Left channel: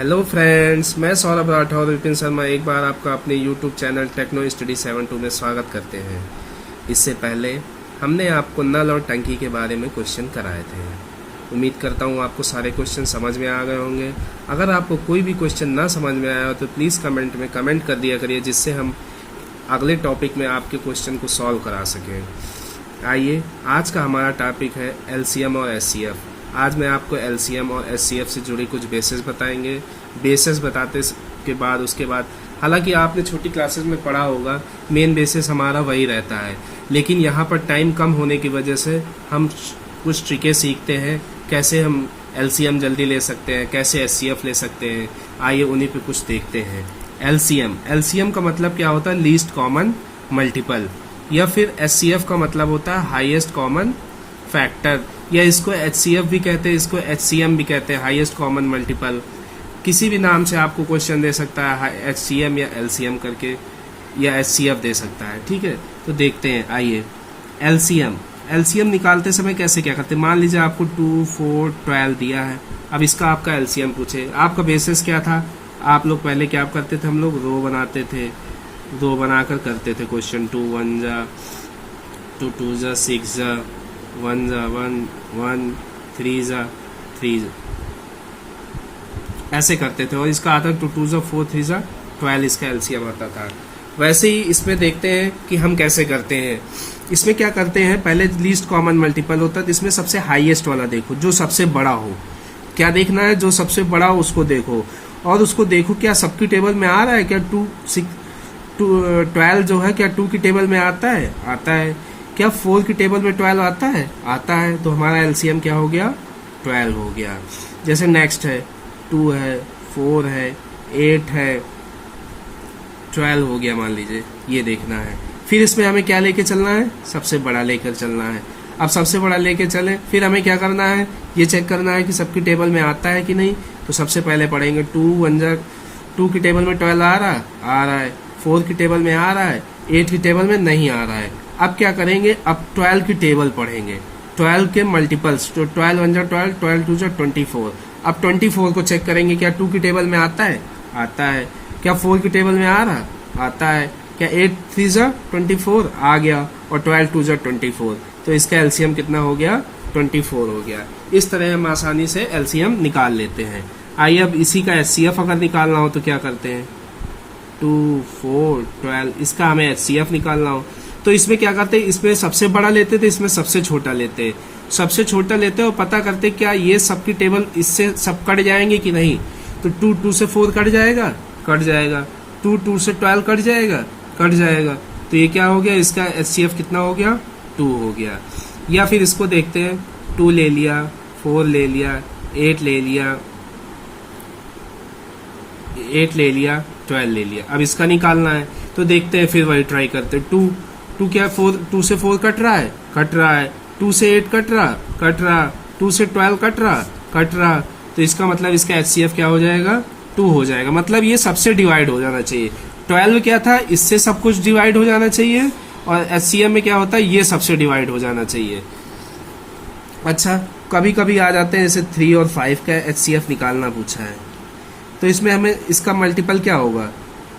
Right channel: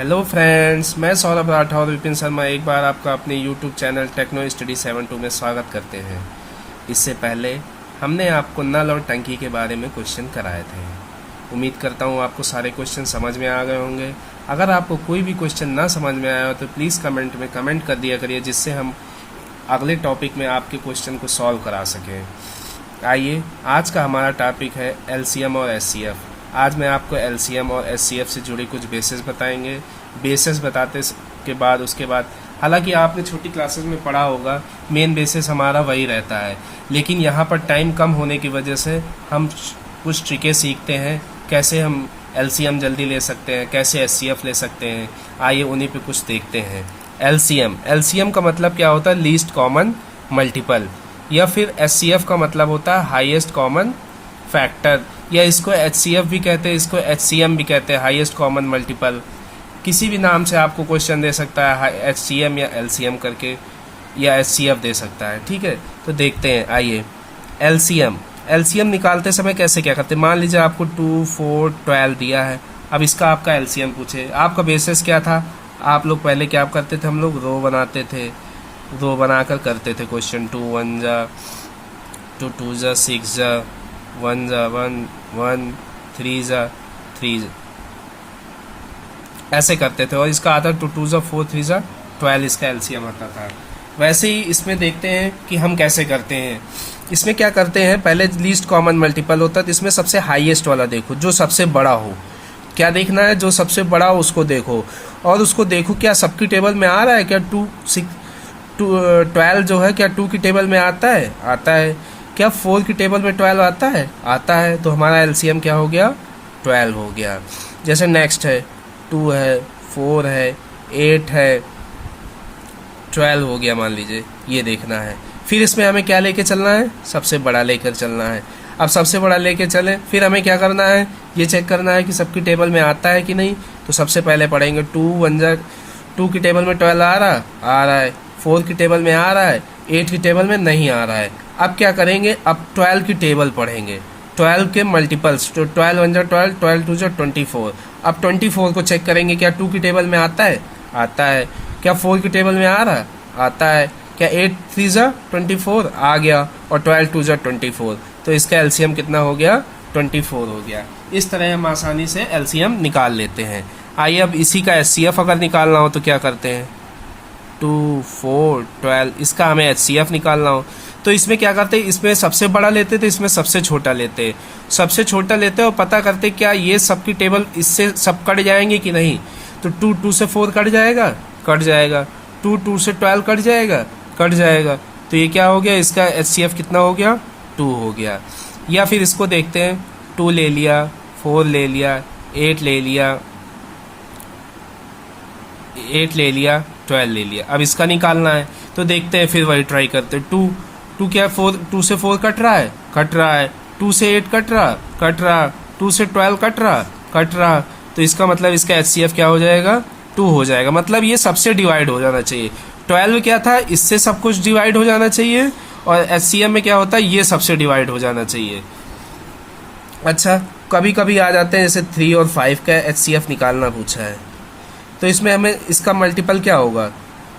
Hello friends, मैं सौरभ राठौर और विपिन शर्मा एक बार आपका अपने यूट्यूब चैनल टेक्नो स्टडी 72 में स्वागत करते हैं। इससे पहले हमने आपको नल और टंकी के बारे में क्वेश्चन कराए थे। उम्मीद करता हूँ आपको सारे क्वेश्चन समझ में आ गए होंगे। अगर आपको कोई भी क्वेश्चन ना समझ में आया हो तो प्लीज़ कमेंट में कमेंट कर दिया करिए, जिससे हम अगले टॉपिक में आपके क्वेश्चन को सॉल्व करा सकें। आइए, आज का हमारा टॉपिक है एलसीएम और एचसीएफ। आज मैं आपको एलसीएम और एचसीएफ से जुड़ी कुछ बेसिस बताएंगे। बेसिस बताते के बाद उसके बाद हालांकि आपने छोटी क्लासेस में पढ़ा होगा, मेन बेसिस हमारा वही रहता है, लेकिन यहाँ पर टाइम कम होने की वजह से हम कुछ ट्रिकें सीखते हैं, कैसे हम एलसीएम जल्दी ले सकते हैं, कैसे एचसीएफ ले सकते हैं। आइए उन्हीं पे कुछ देखते हैं। एलसीएम का मतलब क्या होता है? Least common multiple. या फिर एचसीएफ का मतलब होता है हाईएस्ट कॉमन फैक्टर, या इसको एचसीएफ भी कहते हैं, इसको एचसीएम भी कहते हैं, हाईएस्ट कॉमन मल्टीपल। किसी भी नाम से आपको क्वेश्चन दे सकता है, एचसीएम या एलसीएम करके, या एचसीएफ दे सकता है। ठीक है, तो देखते हैं। आइए, एलसीएम निकालते समय कैसे क्या करते हैं। मान लीजिए आपको 2, 4, 12 दिया है। अब इसका आपका एलसीएम पूछे, आपका बेसिस क्या था? आप लोग पहले क्या करते थे? हम लोग रो बनाते थे, रो बनाकर करते थे क्वेश्चन। 2 1 जा, 2 2 जा, 6 जा, 1 जा 1 1, 3 जा 3, ऐसे करते थे। और इसका आता 2 2 जा 4, 3 जा 12, इसका एलसीएम आता था। वैसे ही इसमें देखते हैं कि हम कैसे करते हैं। इसमें क्या करते हैं, पहले लीस्ट कॉमन मल्टीपल होता है, तो इसमें सबसे हाईएस्ट वाला देखो, जो सबसे बड़ा हो। क्या देखना है? जो सबसे बड़ा हो उसको देखो, और उसको देखो क्या सबकी टेबल में आ रहा है क्या। 12 जो है क्या 2 की टेबल में आता है? आता है। क्या 4 की टेबल में 12 आता है? आता है। तो हमारा एलसीएम क्या हो गया? 12 हो गया। जैसे नेक्स्ट है 2 है, 4 है, 8 है, 12 हो गया मान लीजिए। ये देखना है। फिर इसमें हमें क्या लेके चलना है? सबसे बड़ा लेकर चलना है। अब सबसे बड़ा लेके चले, फिर हमें क्या करना है? ये चेक करना है कि सबकी टेबल में आता है कि नहीं। तो सबसे पहले पढ़ेंगे 2 1 जा, 2 की टेबल में 12 आ रहा है, 4 की टेबल में आ रहा है, 8 की टेबल में नहीं आ रहा है। अब क्या करेंगे? अब 12 की टेबल पढ़ेंगे, 12 के मल्टीपल्स। तो 12 1 जा 12, 12 2 जा 24। अब 24 को चेक करेंगे, क्या 2 की टेबल में आता है? आता है। क्या 4 की टेबल में आ रहा? आता है। क्या 8 3 जा 24 आ गया, और 12 2 जा 24। तो इसका एलसीएम कितना हो गया? 24 हो गया। इस तरह हम आसानी से एलसीएम निकाल लेते हैं। आइए, अब इसी का एचसीएफ अगर निकालना हो तो क्या करते हैं? 2 4 12, इसका हमें एचसीएफ निकालना हो तो इसमें क्या करते हैं? इसमें सबसे बड़ा लेते थे, इसमें सबसे छोटा लेते। सबसे छोटा लेते और पता करते क्या ये सबकी टेबल इससे सब कट जाएंगे कि नहीं। तो 2 2 से 4 कट जाएगा, कट जाएगा। 2 2 से 12 कट जाएगा, कट जाएगा। तो ये क्या हो गया? इसका एचसीएफ कितना हो गया? 2 हो गया। या फिर इसको देखते हैं, 2 ले लिया, 4 ले लिया, 8 ले लिया, 8 ले लिया, 12 ले लिया। अब इसका निकालना है तो देखते हैं, फिर वही ट्राई करते हैं। 2 क्या 2 से 4 कट रहा है, कट रहा है। 2 से 8 कट रहा, कट रहा। 2 से 12 कट रहा, कट रहा। तो इसका मतलब इसका एचसीएफ क्या हो जाएगा? 2 हो जाएगा। मतलब ये सबसे डिवाइड हो जाना चाहिए। 12 क्या था? इससे सब कुछ डिवाइड हो जाना चाहिए, और एचसीएफ में क्या होता है? ये सबसे डिवाइड हो जाना चाहिए। अच्छा, कभी कभी आ जाते हैं जैसे 3 और 5 का एचसीएफ निकालना पूछा है, तो इसमें हमें इसका मल्टीपल क्या होगा?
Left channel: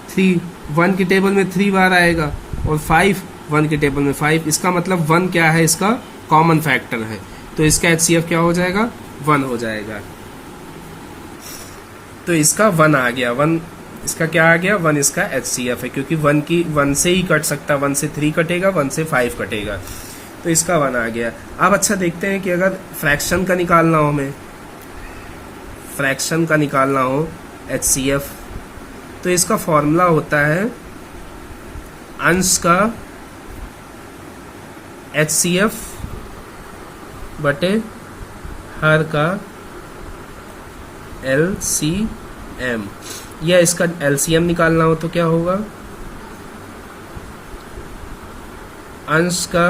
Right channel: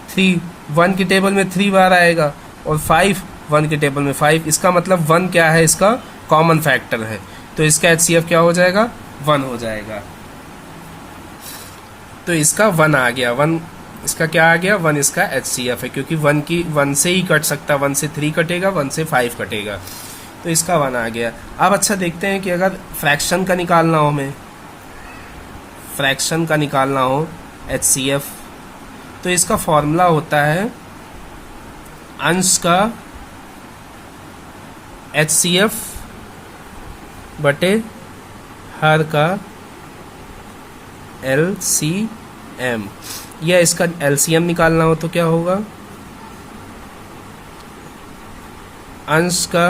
3 1 की टेबल में 3 बार आएगा, और 5 1 की टेबल में 5। इसका मतलब 1 क्या है? इसका कॉमन फैक्टर है। तो इसका एचसीएफ क्या हो जाएगा? 1 हो जाएगा। तो इसका 1 आ गया। 1 इसका क्या आ गया? 1 इसका एचसीएफ है, क्योंकि 1 से ही कट सकता, 1 से 3 कटेगा, 1 से 5 कटेगा। तो इसका 1 आ गया। अब अच्छा देखते हैं कि अगर फ्रैक्शन का निकालना हो, हमें फ्रैक्शन का निकालना हो एचसीएफ, तो इसका फॉर्मूला होता है अंश का एचसीएफ बटे हर का एलसीएम। या इसका एलसीएम निकालना हो तो क्या होगा? अंश का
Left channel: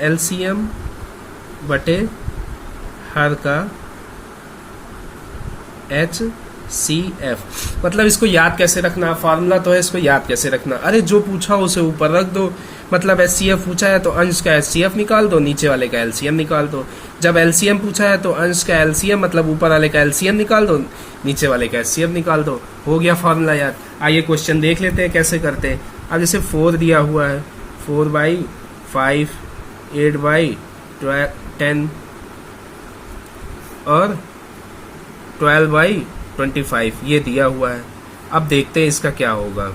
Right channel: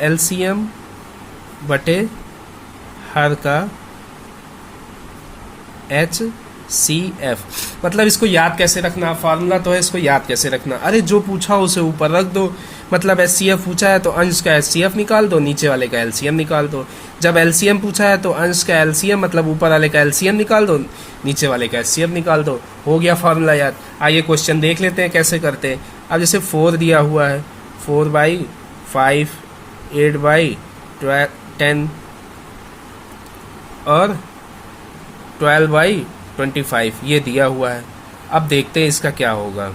एलसीएम बटे हर का HCF। मतलब इसको याद कैसे रखना? फार्मूला तो है, इसको याद कैसे रखना? अरे जो पूछा उसे ऊपर रख दो, मतलब HCF पूछा है तो अंश का HCF निकाल दो, नीचे वाले का LCM निकाल दो। जब LCM पूछा है तो अंश का LCM मतलब ऊपर वाले का LCM निकाल दो, नीचे वाले का HCF निकाल दो। हो गया फॉर्मूला याद। आइए क्वेश्चन देख लेते हैं कैसे करते हैं। अब जैसे 4 दिया हुआ है, 4/5, 8/10 और 12/25 ये दिया हुआ है। अब देखते हैं इसका क्या होगा।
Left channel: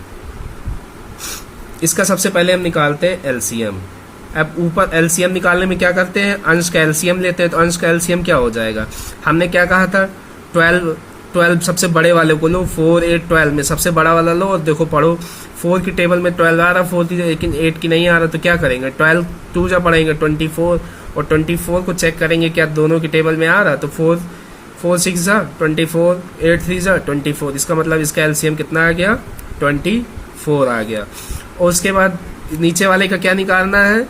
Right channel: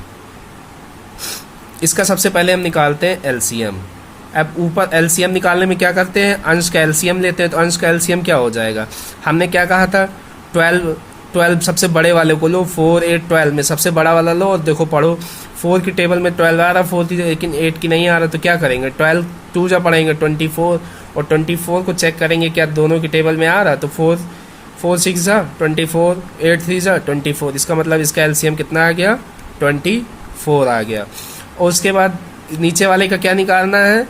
इसका सबसे पहले हम निकालते हैं LCM। अब ऊपर LCM निकालने में क्या करते हैं, अंश का LCM लेते हैं। तो अंश का LCM क्या हो जाएगा, हमने क्या कहा था, 12 सबसे बड़े वाले को लो, 4, 8, 12 में सबसे बड़ा वाला लो और देखो पढ़ो। 4 की टेबल में 12 आ रहा, 4 की, लेकिन 8 की नहीं आ रहा, तो क्या करेंगे, 12 2 जा पढ़ेंगे 24 और 24 को चेक करेंगे क्या दोनों की टेबल में आ रहा। तो 4 6 जा 24, 8 3 जा 24। इसका मतलब इसका LCM कितना आ गया, 24 आ गया। और उसके बाद नीचे वाले का क्या निकालना है,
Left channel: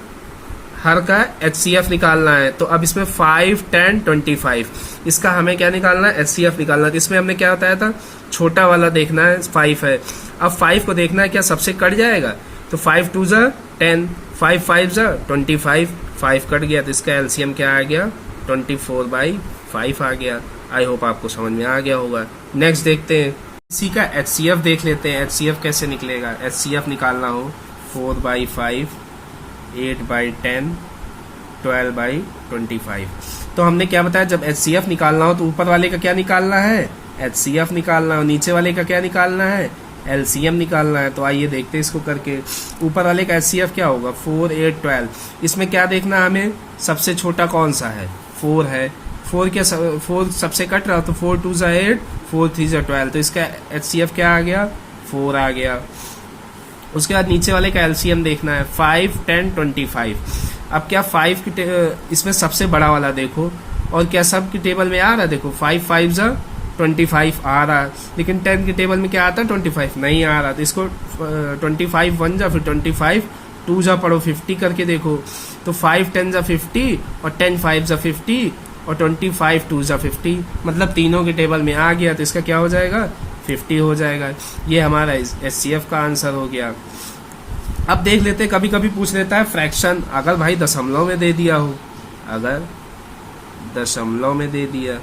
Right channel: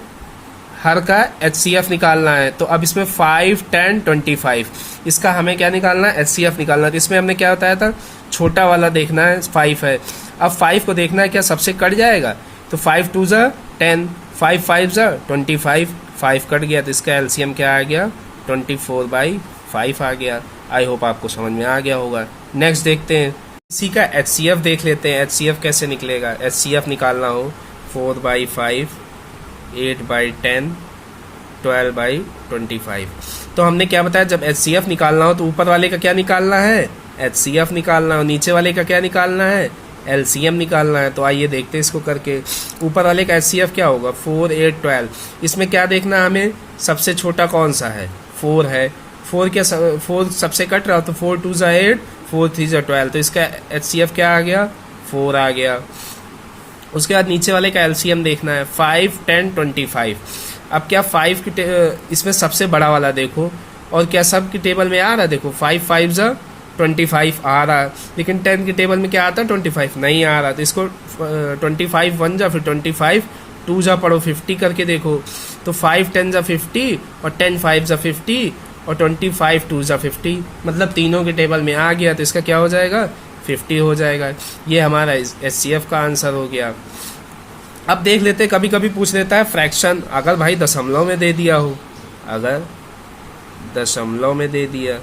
हर का HCF निकालना है। तो अब इसमें 5, 10, 25 इसका हमें क्या निकालना है, HCF निकालना है। तो इसमें हमने क्या बताया था, छोटा वाला देखना है, 5 है। अब 5 को देखना है क्या सबसे कट जाएगा। तो 5 2 जा 10, 5 5 जा 25, 5 कट गया। तो इसका LCM क्या आ गया, 24/5 आ गया। आई होप आपको समझ में आ गया होगा। नेक्स्ट देखते हैं, इसी का HCF देख लेते हैं। HCF कैसे निकलेगा, HCF निकालना हो 4/5, 8/10, 12/25। तो हमने क्या बताया, जब HCF निकालना हो तो ऊपर वाले का क्या निकालना है, HCF निकालना हो, नीचे वाले का क्या निकालना है, LCM निकालना है। तो आइए देखते हैं इसको करके। ऊपर वाले का HCF क्या होगा, 4, 8, 12। इसमें क्या देखना हमें, सबसे छोटा कौन सा है, 4 है। 4 सबसे कट रहा, तो 4 2 जा 8, 4 3 जा 12। तो इसका HCF क्या आ गया, 4 आ गया। उसके बाद नीचे वाले का LCM देखना है, 5, 10, 25। अब क्या 5 की इसमें सबसे बड़ा वाला देखो, और क्या सब की टेबल में आ रहा, देखो 5 5 जा 25 आ रहा है, लेकिन 10 की टेबल में क्या आता है, 25 नहीं आ रहा। तो इसको 25 1 जा, फिर 25 2 जा पढ़ो, 50 करके देखो। तो 5 10 जा 50 और 10 5 जा 50 और 25 2 जा 50, मतलब तीनों के टेबल में आ गया। तो इसका क्या हो जाएगा, 50 हो जाएगा। ये हमारा HCF का आंसर हो गया। अब देख लेते, कभी कभी पूछ लेता है फ्रैक्शन, अगर भाई दशमलव में दे दिया हो, अगर दशमलव में दे दिया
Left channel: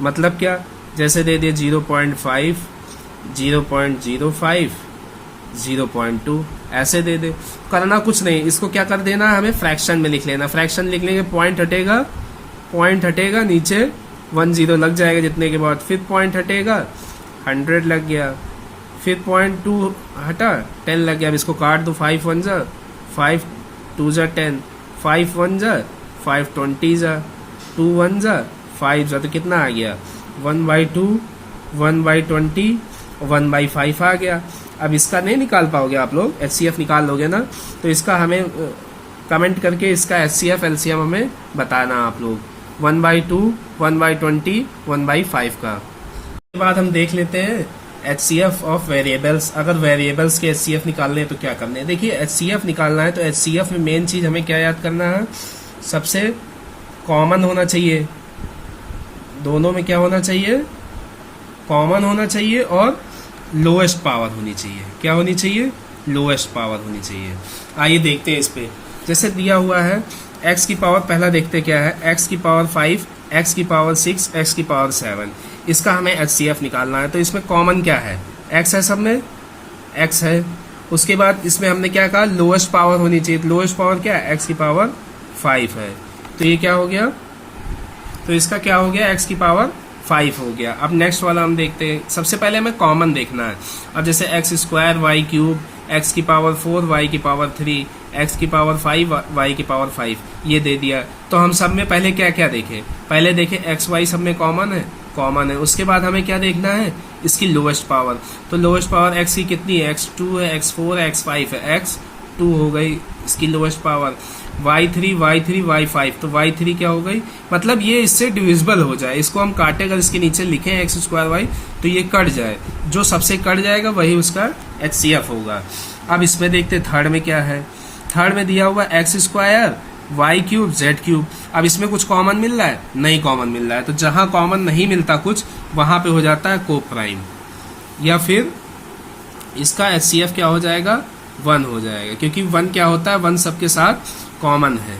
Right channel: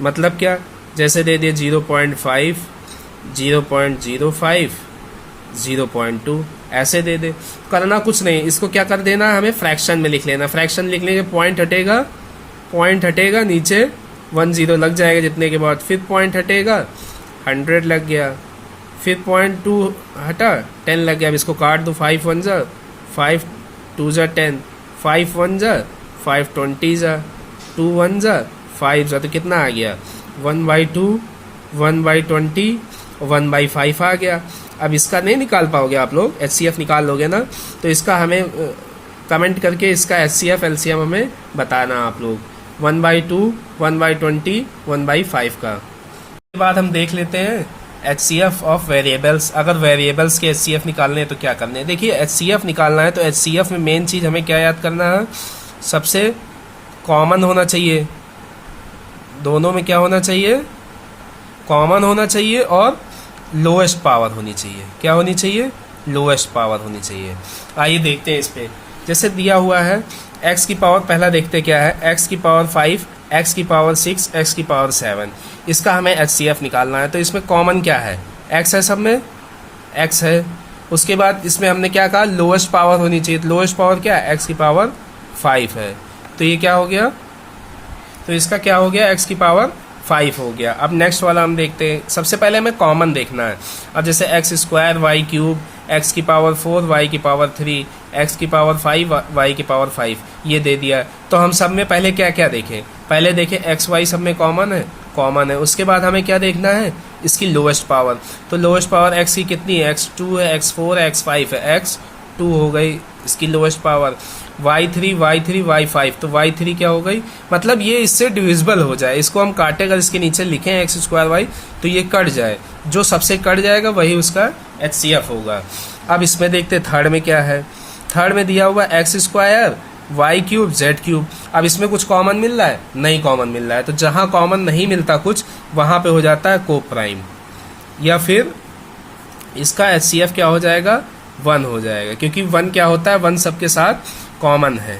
मतलब क्या, जैसे दे दिया 0.5, 0.05, 0.2 ऐसे दे दे। करना कुछ नहीं, इसको क्या कर देना, हमें फ्रैक्शन में लिख लेना। फ्रैक्शन लिखने के पॉइंट हटेगा, नीचे 1 0 लग जाएगा जितने के बाद, फिर पॉइंट हटेगा 100 लग गया, फिर 0.2 हटा 10 लग गया। अब इसको काट दो, 5 1 जा 5, 2 जा 10, 5 1 जा 5 20 जा 2 1 जा 5 जा। तो कितना आ गया, 1/2, 1/20, 1/5 आ गया। अब इसका नहीं निकाल पाओगे आप लोग, HCF निकाल लोगे ना, तो इसका हमें कमेंट करके इसका HCF LCM हमें बताना आप लोग, 1/2, 1/20, 1/5 का। उसके बाद हम देख लेते हैं HCF ऑफ वेरिएबल्स। अगर वेरिएबल्स के HCF निकालने हैं तो क्या करने हैं। देखिए HCF निकालना है तो HCF में मेन चीज हमें क्या याद करना है, सबसे कॉमन होना चाहिए, दोनों में क्या होना चाहिए, कॉमन होना चाहिए और लोएस्ट पावर होनी चाहिए। क्या होनी चाहिए, लोएस्ट पावर होनी चाहिए। आइए देखते हैं इस पे। जैसे दिया हुआ है x की पावर, पहला देखते क्या है, x की पावर 5, x की पावर 6, x की पावर 7। इसका हमें HCF निकालना है। तो इसमें कॉमन क्या है, x है, सब में x है। उसके बाद इसमें हमने क्या कहा, लोएस्ट पावर होनी चाहिए। लोएस्ट पावर क्या है, x की पावर 5 है। तो ये क्या हो गया, तो इसका क्या हो गया, x की पावर 5 हो गया। अब नेक्स्ट वाला हम देखते हैं। सबसे पहले हमें कॉमन देखना है। अब जैसे x² y क्यूब, x की पावर 4 y की पावर 3, x की पावर 5 y की पावर 5 ये दे दिया। तो हम सब में पहले क्या क्या देखें, पहले देखें x y सब में कॉमन है, कॉमन है। उसके बाद हमें क्या देखना है, इसकी लोएस्ट पावर। तो लोएस्ट पावर x की कितनी है, x2 है, x4 है, x5 है, x2 हो गई इसकी lowest power. y3 y3 y5, तो y3 क्या हो गई, मतलब ये इससे डिविजिबल हो जाए। इसको हम काटे, अगर इसके नीचे लिखें x² y तो ये कट जाए, जो सबसे कट जाएगा वही उसका HCF होगा। अब इसमें देखते थर्ड में क्या है। थर्ड में दिया हुआ x² y cube z cube. अब इसमें कुछ कॉमन मिल रहा है, नहीं कॉमन मिल रहा है। तो जहां कॉमन नहीं मिलता कुछ, वहां पे हो जाता है को प्राइम, या फिर इसका HCF क्या हो जाएगा, 1 हो जाएगा, क्योंकि 1 क्या होता है, 1 सबके साथ कॉमन है,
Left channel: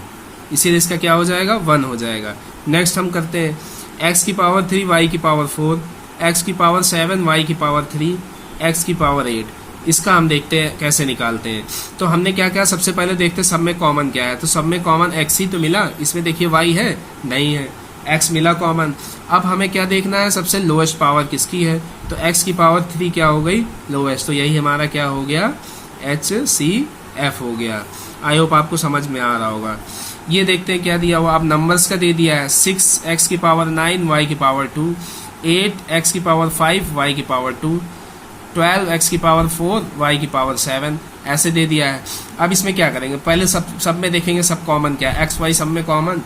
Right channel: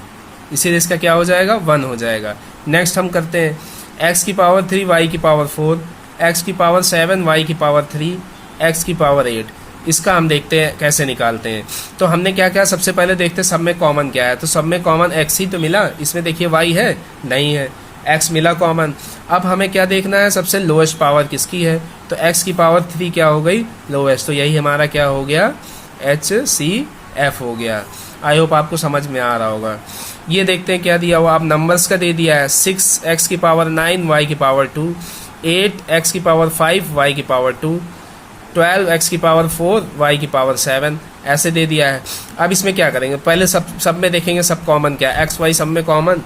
इसीलिए इसका क्या हो जाएगा, 1 हो जाएगा। नेक्स्ट हम करते हैं x की पावर 3 y की पावर 4, x की पावर 7 y की पावर 3, x की पावर 8। इसका हम देखते हैं कैसे निकालते हैं। तो हमने क्या किया, सबसे पहले देखते हैं सब में कॉमन क्या है। तो सब में कॉमन x ही तो मिला, इसमें देखिए y है नहीं है, x मिला कॉमन। अब हमें क्या देखना है, सबसे लोएस्ट पावर किसकी है, तो x की पावर 3 क्या हो गई, लोएस्ट, तो यही हमारा क्या हो गया, HCF हो गया। आई होप आपको समझ में आ रहा होगा। ये देखते हैं क्या दिया हुआ, आप नंबर्स का दे दिया है, 6x की पावर 9 y की पावर 2, 8x की पावर 5 y की पावर 2, 12x की पावर 4 y की पावर 7, ऐसे दे दिया है। अब इसमें क्या करेंगे, पहले सब में देखेंगे सब कॉमन क्या है, x y सब में कॉमन,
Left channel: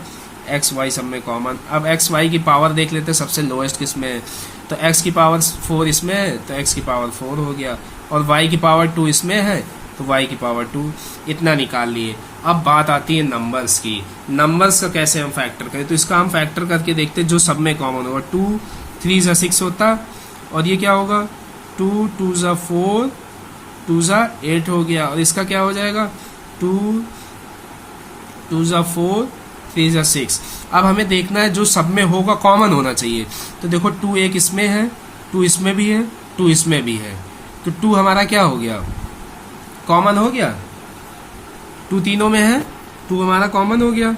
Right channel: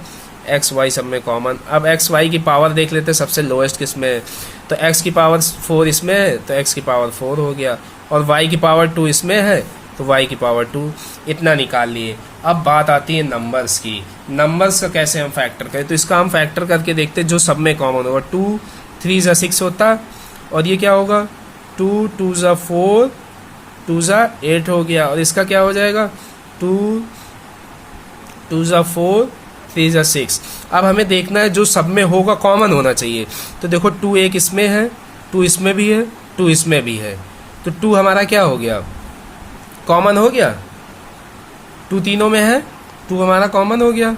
x y सब में कॉमन। अब x y की पावर देख लेते हैं सबसे लोएस्ट किस में है, तो x की पावर 4 इसमें है, तो x की पावर 4 हो गया, और y की पावर 2 इसमें है, तो y की पावर 2, इतना निकाल लिए। अब बात आती है नंबर्स की, नंबर्स का कैसे हम फैक्टर करें, तो इसका हम फैक्टर करके देखते हैं जो सब में कॉमन होगा। 2 3 जा 6 होता, और ये क्या होगा, 2 2 जा 4 2 जा 8 हो गया, और इसका क्या हो जाएगा, 2 2 जा 4 3 जा 6। अब हमें देखना है जो सब में होगा कॉमन होना चाहिए। तो देखो 2 एक इसमें है, 2 इसमें भी है, 2 इसमें भी है, तो 2 हमारा क्या हो गया, कॉमन हो गया। 2 तीनों में है, 2 हमारा कॉमन हो गया।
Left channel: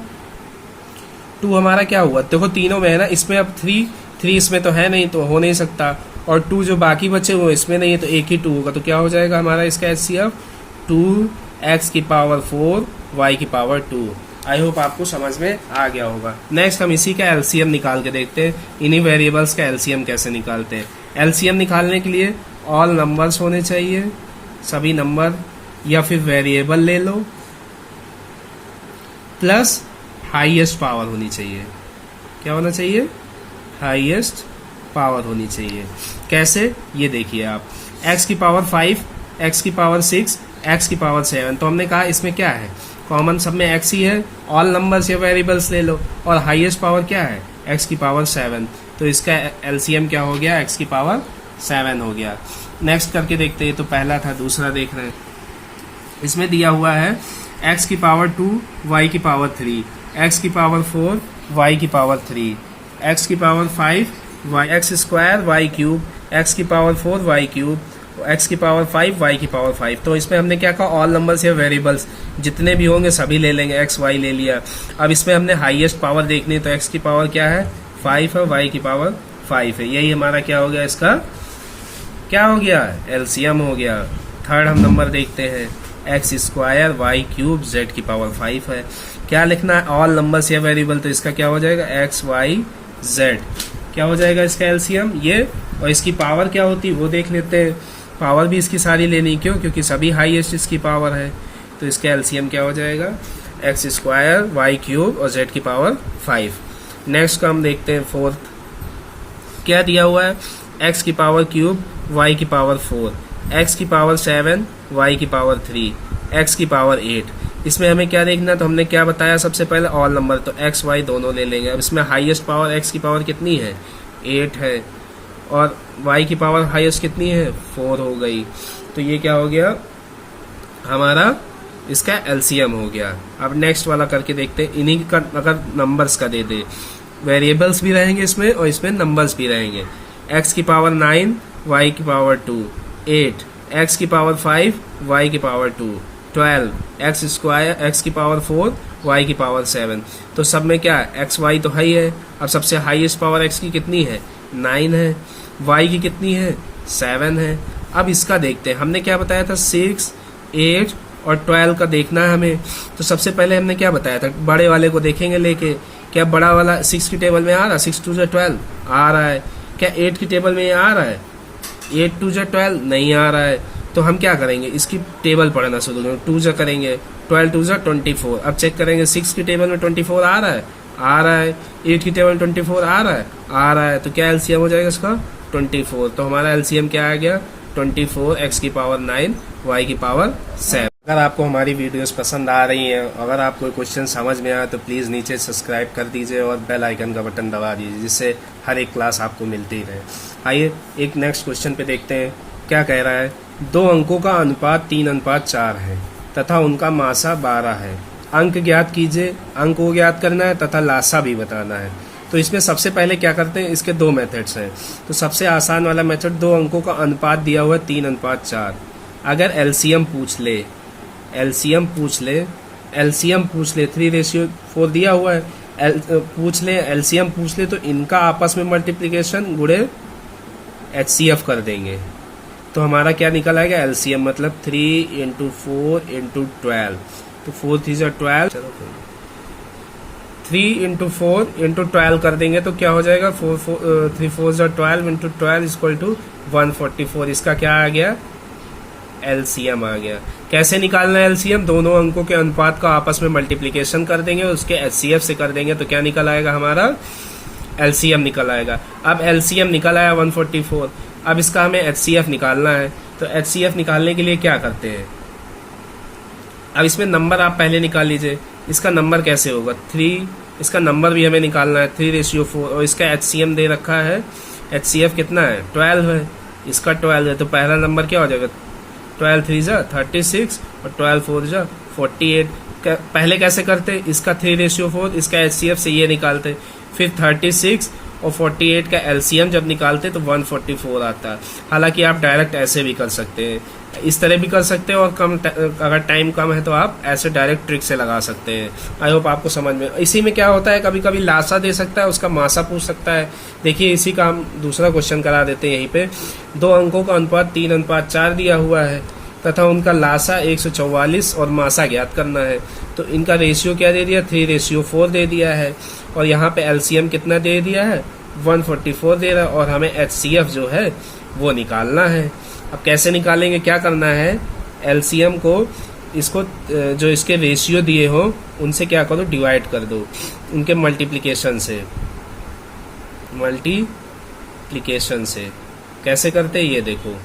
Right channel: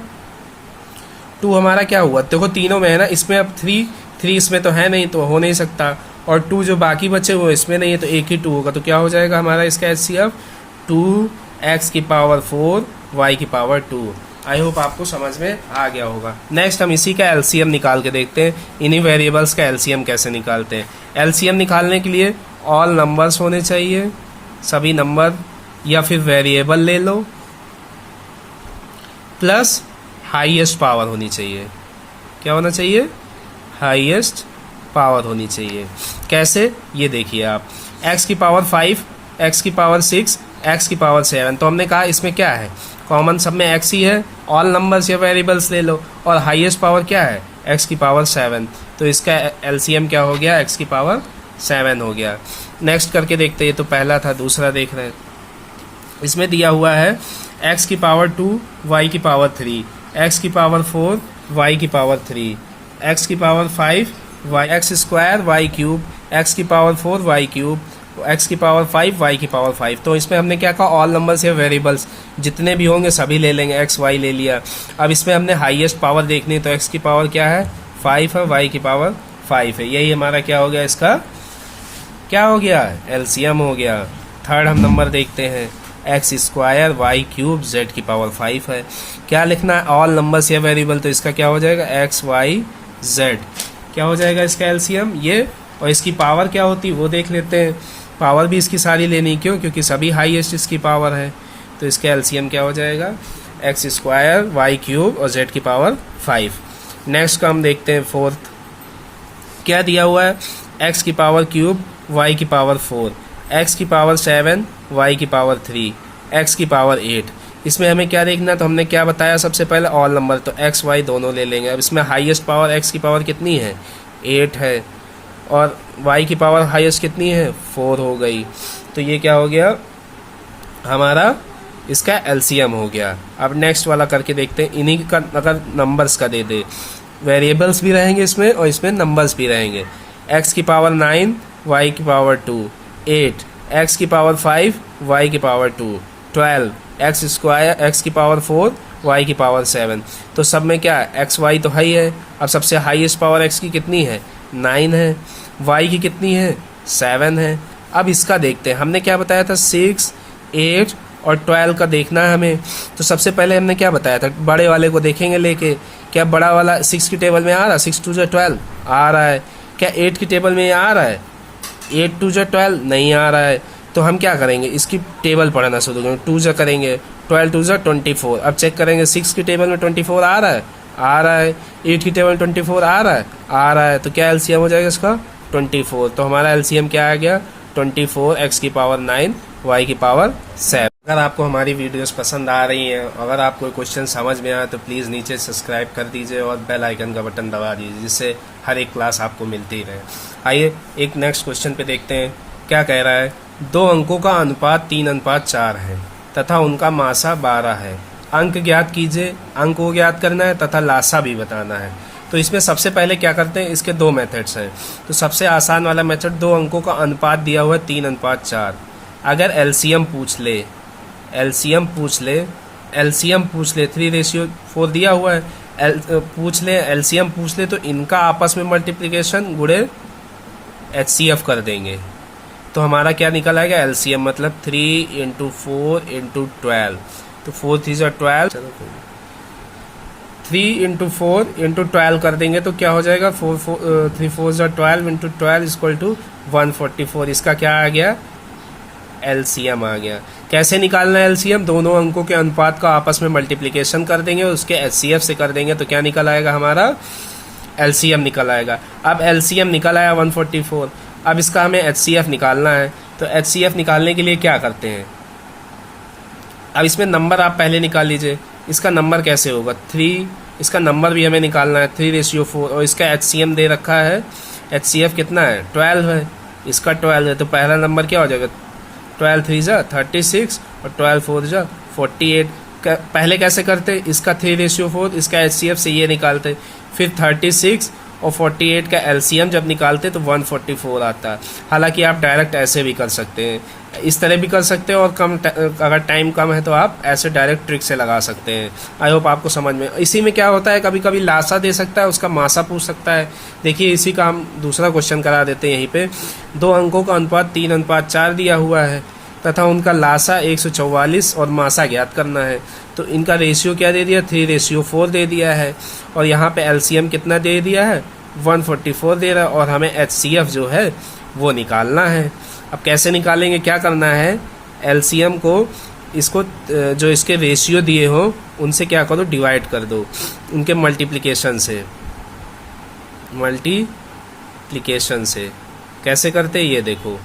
2 हमारा क्या हुआ, देखो तीनों में है ना, इसमें अब 3 इसमें तो है नहीं, तो हो नहीं सकता, और 2 जो बाकी बचे वो इसमें नहीं है, तो एक ही 2 होगा, तो क्या हो जाएगा हमारा इसका HCF, 2x की पावर 4 y की पावर 2। आई होप आपको समझ में आ गया होगा। नेक्स्ट हम इसी का LCM निकाल के देखते हैं, इन्हीं वेरिएबल्स का LCM कैसे निकालते हैं। LCM निकालने के लिए ऑल नंबर्स होने चाहिए, सभी नंबर, या फिर वेरिएबल ले लो, प्लस हाईएस्ट पावर होनी चाहिए। क्या होना चाहिए, हाईएस्ट पावर होनी चाहिए। कैसे, ये देखिए आप, x की पावर 5, x की पावर 6, x की पावर 7, तो हमने कहा इसमें क्या है, कॉमन सब में x ही है, ऑल नंबर्स या वेरिएबल्स ले लो, और हाईएस्ट पावर क्या है, x की पावर 7, तो इसका LCM क्या हो गया, x की पावर 7 हो गया। नेक्स्ट करके देखते हैं, ये तो पहला था, दूसरा देख रहे हैं। इसमें दिया हुआ है x की पावर 2 y की पावर 3, x की पावर 4 y की पावर 3, x की power 5 x square y cube, x की पावर 4 y क्यूब, x की पावर 5 y की पावर 5। तो इसमें हमने क्या कहा, ऑल नंबर्स या वेरिएबल्स जितने भी होंगे सभी ले लेंगे, x y ले लिया। अब इसमें हमने हाईएस्ट पावर देखनी है, तो x की पावर क्या है, 5 है, y की पावर 5 है, यही हमारा क्या हो गया, इसका क्या हो गया, LCM हो गया। थर्ड हम नंबर देखते हैं, x square y cube z की पावर 5 है। क्या लिखना है, ऑल नंबर्स या वेरिएबल, तो इसका क्या हो जाएगा, x y z, क्या हो जाएगा इसका LCM ये, और इसकी पावर क्या होती है वो देख लेते हैं। पावर भी इसकी सारी लेनी, क्यों, क्योंकि सभी हाईएस्ट इसकी पावर है, तो इसका LCM क्या हो जाएगा, x स्क्वायर y क्यूब और z की पावर 5। नेक्स्ट का हम देखते हैं फोर्थ, क्या दिया हुआ है, x की पावर क्यूब y की पावर 4, x की पावर 7 y की पावर 3, x की पावर 8। इसमें हमें क्या देखना है, तो हमने क्या बताया सबसे पहले, ऑल नंबर, तो x y दोनों ले लेंगे। अब इसमें हाईएस्ट पावर x की पावर कितनी है, 8 है, और y की पावर हाईएस्ट कितनी है, 4 हो गई, तो ये क्या हो गया हमारा, इसका LCM हो गया। अब नेक्स्ट वाला करके देखते हैं, इन्हीं का अगर नंबर्स का दे दे, वेरिएबल्स भी रहेंगे इसमें और इसमें नंबर्स भी रहेंगे। x की पावर 9 y की पावर 2, 8 x की पावर 5 y की पावर 2, 12 x स्क्वायर x की पावर 4 y की पावर 7। तो सब में क्या है, x y तो हाई है। अब सबसे हाईएस्ट पावर x की कितनी है, 9 है, y की कितनी है, 7 है। अब इसका देखते हैं, हमने क्या बताया था, 6 8 और 12 का देखना है हमें। तो सबसे पहले हमने क्या बताया था, बड़े वाले को देखेंगे लेके, क्या बड़ा वाला 6 की टेबल में आ रहा है, 6 2 से 12 आ रहा है, क्या 8 की टेबल में आ रहा है, 8 2 से 12 नहीं आ रहा है। तो हम क्या करेंगे, इसकी टेबल पढ़ना शुरू करेंगे, 2 से करेंगे, 12 2 से 24। अब चेक करेंगे 6 की टेबल में 24 आ रहा है, आ रहा है, 8 की टेबल 24 आ रहा है, आ रहा है, तो क्या LCM हो जाएगा इसका, 24। तो हमारा LCM क्या आ गया, 24 x की पावर 9 y की पावर 7। अगर आपको हमारी वीडियोस पसंद आ रही हैं, अगर आपको कोई क्वेश्चन समझ में आया तो प्लीज़ नीचे सब्सक्राइब कर दीजिए और बेल आइकन का बटन दबा दीजिए, जिससे हर एक क्लास आपको मिलती रहे। आइए एक नेक्स्ट क्वेश्चन पे देखते हैं, क्या कह रहा है, दो अंकों का अनुपात 3:4 है तथा उनका मासा 12 है। अंक ज्ञात कीजिए। अंक को ज्ञात करना है तथा लासा भी बताना है। तो इसमें सबसे पहले क्या करते हैं, इसके दो मेथड्स हैं। तो सबसे आसान वाला मेथड, दो अंकों का अनुपात दिया हुआ है 3:4। अगर एलसीएम पूछ ले 3:4 दिया हुआ है, एलसीएम पूछ ले तो इनका आपस में मल्टीप्लिकेशन गुणे एचसीएफ कर देंगे। तो हमारा क्या निकल आएगा, एलसीएम मतलब 3 × 4 × 12। तो 4 3 12, 3 × 4 × 12 कर देंगे तो क्या हो जाएगा, 3 4 12 × 12 = 144। इसका क्या आ गया, एलसीएम आ गया। कैसे निकालना है एलसीएम, दोनों अंकों के अनुपात का आपस में मल्टीप्लिकेशन कर देंगे, उसके एचसीएफ से कर देंगे तो क्या निकल आएगा, हमारा एलसीएम निकल आएगा। अब एलसीएम निकल आया 144। अब इसका हमें एचसीएफ निकालना है। तो एचसीएफ निकालने के लिए क्या करते हैं, अब इसमें नंबर आप पहले निकाल लीजिए। इसका नंबर कैसे होगा, 3, इसका नंबर भी हमें निकालना है 3:4, और इसका एचसीएम दे रखा है, एचसीएफ कितना है 12 है, इसका 12 है। तो पहला नंबर क्या हो जाएगा, 12 3 36 और 12 4 48। पहले कैसे करते, इसका 3:4, इसका एचसीएफ से ये निकालते, फिर 36 और 48 का एलसीएम जब निकालते तो 144 आता है। हालांकि आप डायरेक्ट ऐसे भी कर सकते हैं, इस तरह भी कर सकते हैं, और अगर टाइम कम है तो आप ऐसे डायरेक्ट ट्रिक से लगा सकते हैं। आई होप आपको समझ में। इसी में क्या होता है, कभी कभी लासा दे सकता है, उसका मासा पूछ सकता है। देखिए इसी का हम दूसरा क्वेश्चन करा देते हैं। यहीं पे दो अंकों का अनुपात 3:4 दिया हुआ है तथा उनका लासा 144 और मासा ज्ञात करना है। तो इनका रेशियो क्या दे दिया, 3:4 दे दिया है, और यहाँ पे एलसीएम कितना दे दिया है, 144 दे रहा है, और हमें एचसीएफ जो है वो निकालना है। अब कैसे निकालेंगे, क्या करना है, एलसीएम को इसको जो इसके रेशियो दिए हो उनसे क्या करो, डिवाइड कर दो, उनके मल्टीप्लिकेशन से। कैसे करते हैं ये देखो,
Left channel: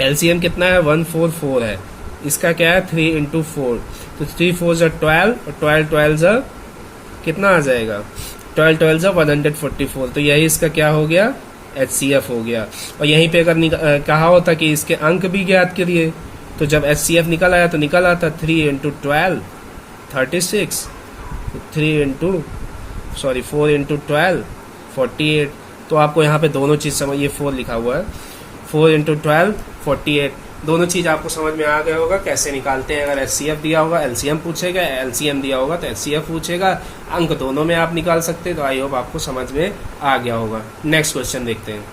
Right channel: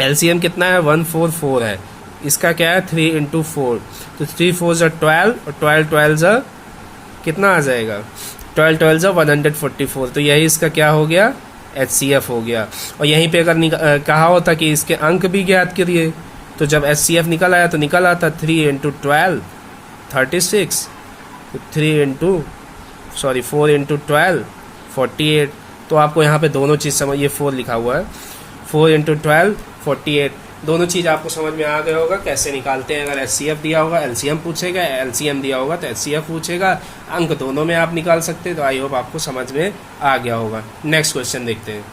एलसीएम कितना है 144 है, इसका क्या है 3 × 4, तो 3 4 12 और 12 12 कितना आ जाएगा, 12 12 144। तो यही इसका क्या हो गया, एचसीएफ हो गया। और यहीं पे अगर कहा होता कि इसके अंक भी ज्ञात करिए, तो जब एचसीएफ निकल आया तो निकल आता 3 × 12 36, 4 × 12 48। तो आपको यहाँ पे दोनों चीज समझ, ये 4 लिखा हुआ है, 4 × 12 48, दोनों चीज आपको समझ में आ गया होगा कैसे निकालते हैं। अगर एचसीएफ दिया होगा एलसीएम पूछेगा, एलसीएम दिया होगा तो एचसीएफ पूछेगा, अंक दोनों में आप निकाल सकते हैं। तो आई होप आपको समझ में आ गया होगा। नेक्स्ट क्वेश्चन देखते हैं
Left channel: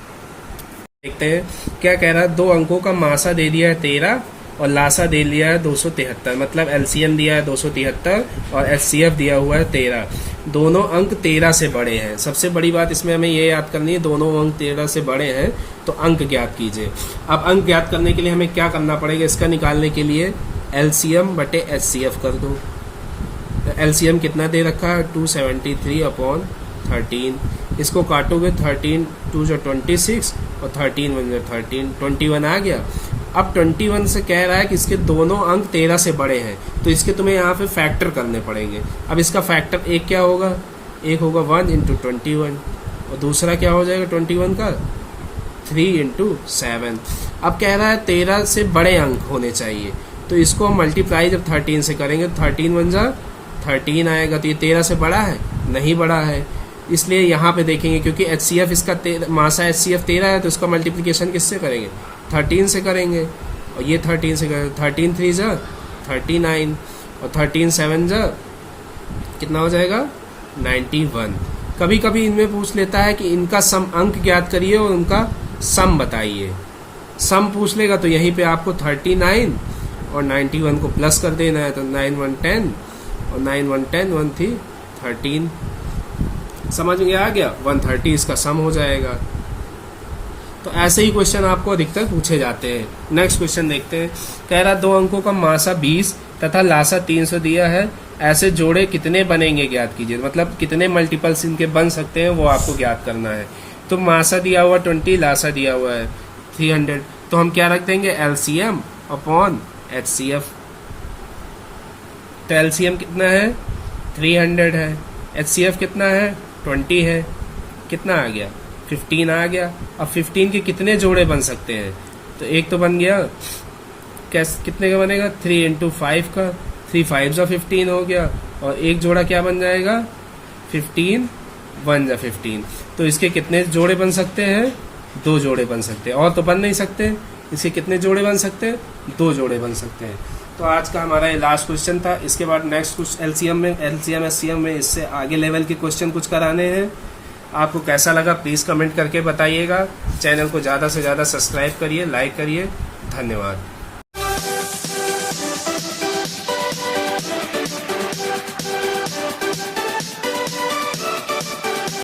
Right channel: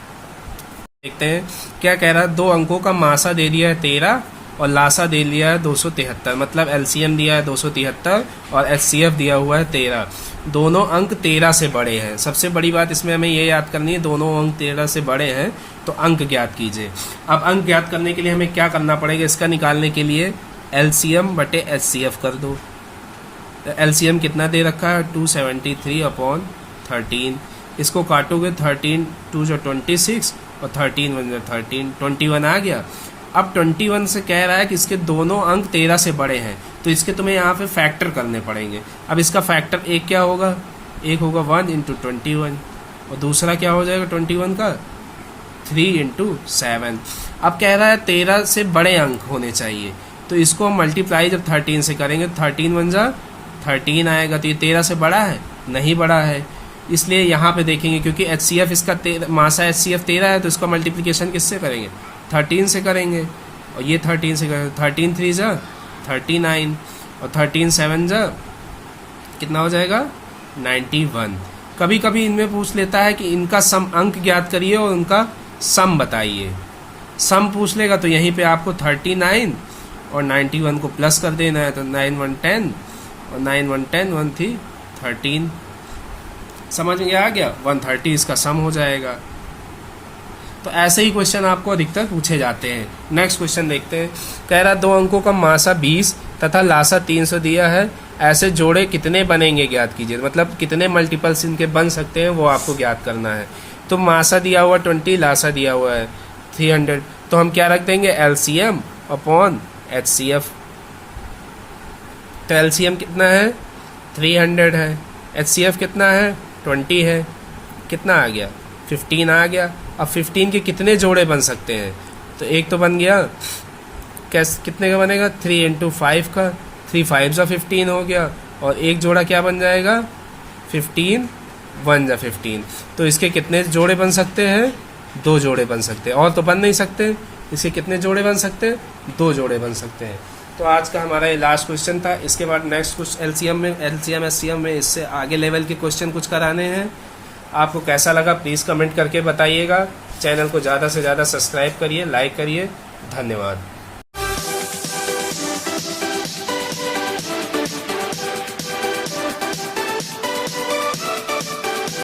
क्या कह रहा है, दो अंकों का मासा दे दिया है 13 और लासा दे लिया है 273, मतलब एलसीएम दिया है 273 और एचसीएफ दिया हुआ है 13। दोनों अंक 13 से बड़े हैं। सबसे बड़ी बात इसमें हमें ये याद करनी है, दोनों अंक 13 से बड़े हैं तो अंक ज्ञात कीजिए। अब अंक ज्ञात करने के लिए हमें क्या करना पड़ेगा, इसका निकालने के लिए एलसीएम बटे एचसीएफ कर दो। एलसीएम कितना दे रखा है 273/13, इसको काटोगे 13 2 26 और 13 1 13, 21 आ गया। अब 21 से कह रहा है कि इसके दोनों अंक 13 से बड़े हैं, तो इसके तुम्हें यहाँ पे फैक्टर करने पड़ेंगे। अब इसका फैक्टर एक क्या होगा, एक होगा 1 × 21 और दूसरा क्या हो जाएगा 21 का 3 × 7। अब कह रहा है 13 से बड़े अंक होने चाहिए, तो इसको हम मल्टीप्लाई जब 13 से करेंगे 13 1 13 आएगा। तो ये 13 से बड़ा है, नहीं बड़ा है, इसलिए यहाँ पे देखेंगे क्योंकि एचसीएफ इसका मासा एचसीएफ 13 है, तो इसका मल्टीप्लिकेशन किससे करेंगे 13 से करेंगे, और ये 13 से करेंगे। 13 3 39 और 13 7 कितना हो जाएगा 91। कभी कभी इनमें पूछ लेता है कि इनका सम अंक ज्ञात करिए और उनका सम बताइए। सम पूछ लेगा तो यहीं पे आपको 39 और 91 को प्लस कर देना है, तो 9 1 10 और 9 1 10 1 3 13। समझ में आ गया, 130 इसका सम हो जाएगा। तो ऐसे ही क्वेश्चन आपको अधिकतर पूछे जाते हैं। नेक्स्ट क्वेश्चन देखते हैं। कह रहा दो अंकों का मासा 20 तथा लासा 300 दिया है, ऐसे जोड़े कितने बनेंगे ज्ञात कीजिए। मतलब कितने मल्टीपल्स इनके बन सकते हैं वो आपको ज्ञात करना है। तो मासा दिया हुआ 20, लासा दिया हुआ है 300, तो हम क्या रख देंगे एलसीएम अपॉन एचसीएफ। तो एलसीएम कितना है 300 है, एचसीएफ कितना है 20 है, कितना आ गया 15 आ गया। अब 15 के कितने जोड़े बन सकते हैं, तो एक तो बन गया, कितने का बनेगा, 3 इंटू 5 का, 3 5 जा 15 हो गया, और एक जोड़ा क्या बन जाएगा, 15 1 जा 15। तो इसके कितने जोड़े बन सकते हैं, 2 जोड़े बन सकते हैं, और तो बन नहीं सकते। इसके कितने जोड़े बन सकते हैं, 2 जोड़े बन सकते हैं। तो आज का हमारा ये लास्ट क्वेश्चन था। इसके बाद नेक्स्ट कुछ एलसीएम एससीएम में इससे आगे लेवल के क्वेश्चन कुछ कराने हैं। आपको कैसा लगा प्लीज कमेंट करके बताइएगा। चैनल को ज्यादा से ज्यादा सब्सक्राइब करिए, लाइक करिए। धन्यवाद।